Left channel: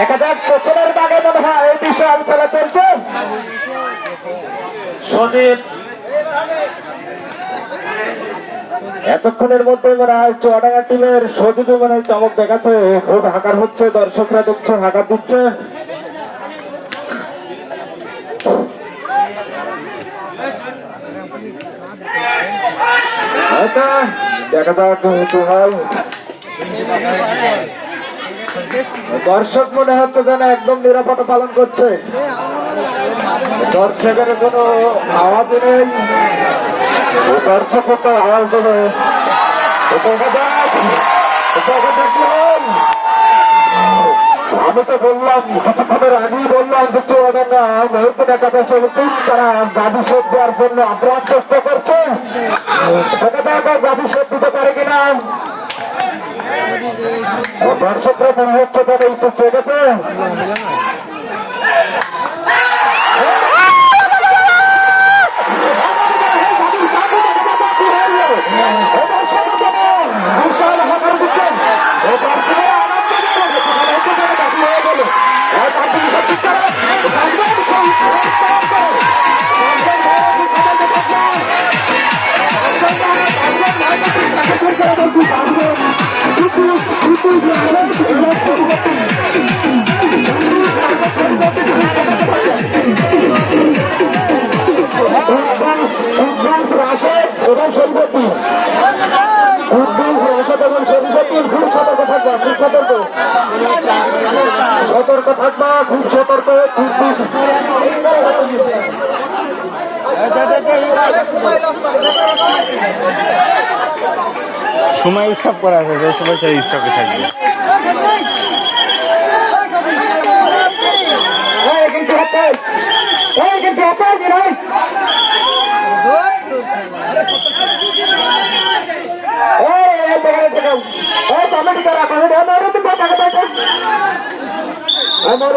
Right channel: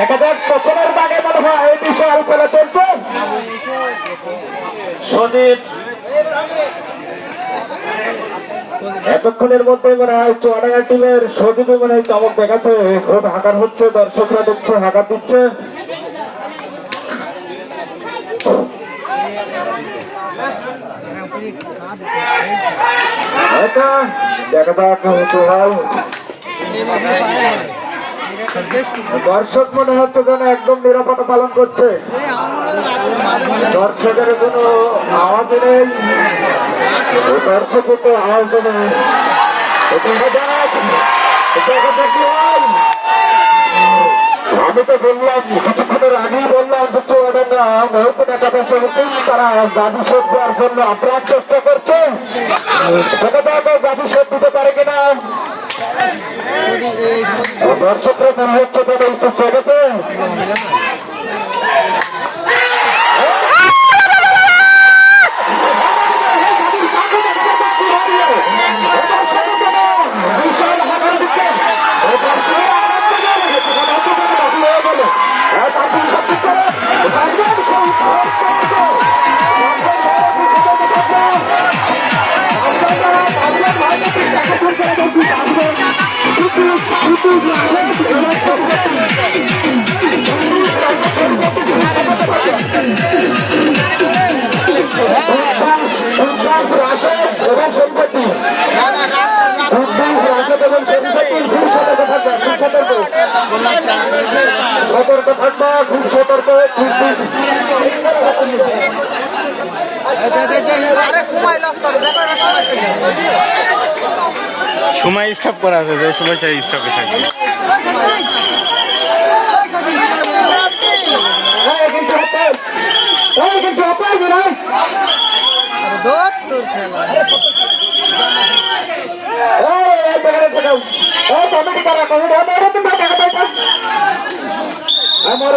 দেখা যাক প্রথমের দাগে মনে হয় বিশাল খেলা চলছে। সদীপ এতক্ষণের মধ্যে মনে হয় চুয়াডাঙ্গা টিমের সদীপে মনে হয় চমক দেখাচ্ছে। খুব হাঁকার হচ্ছে, দর্শকরা দেখছে, হাঁকার দিচ্ছে। দেখা যাক দর্শক মনে হচ্ছে যেন একদম নিরাপত্তা পালন করছে, দর্শকের কোনো আওয়াজ নেই, দর্শক আওয়াজ নেই। আমি তো বললাম কিছুক্ষণের আগেই বললাম যে চুয়াডাঙ্গা মেহবুব একাদশ তারা গাভী শোধ দেওয়ার জন্য আপ্রাণ চেষ্টা করছে। গাভী শোধ দিতে পারে কিনা দর্শকরা মনে হচ্ছে তারা একটু চেয়েছে। সতর্ক থাকবা, খুব সতর্ক। সময় স্টপ করা আছে, যে সময় সেই স্টপে থাকবে। আমার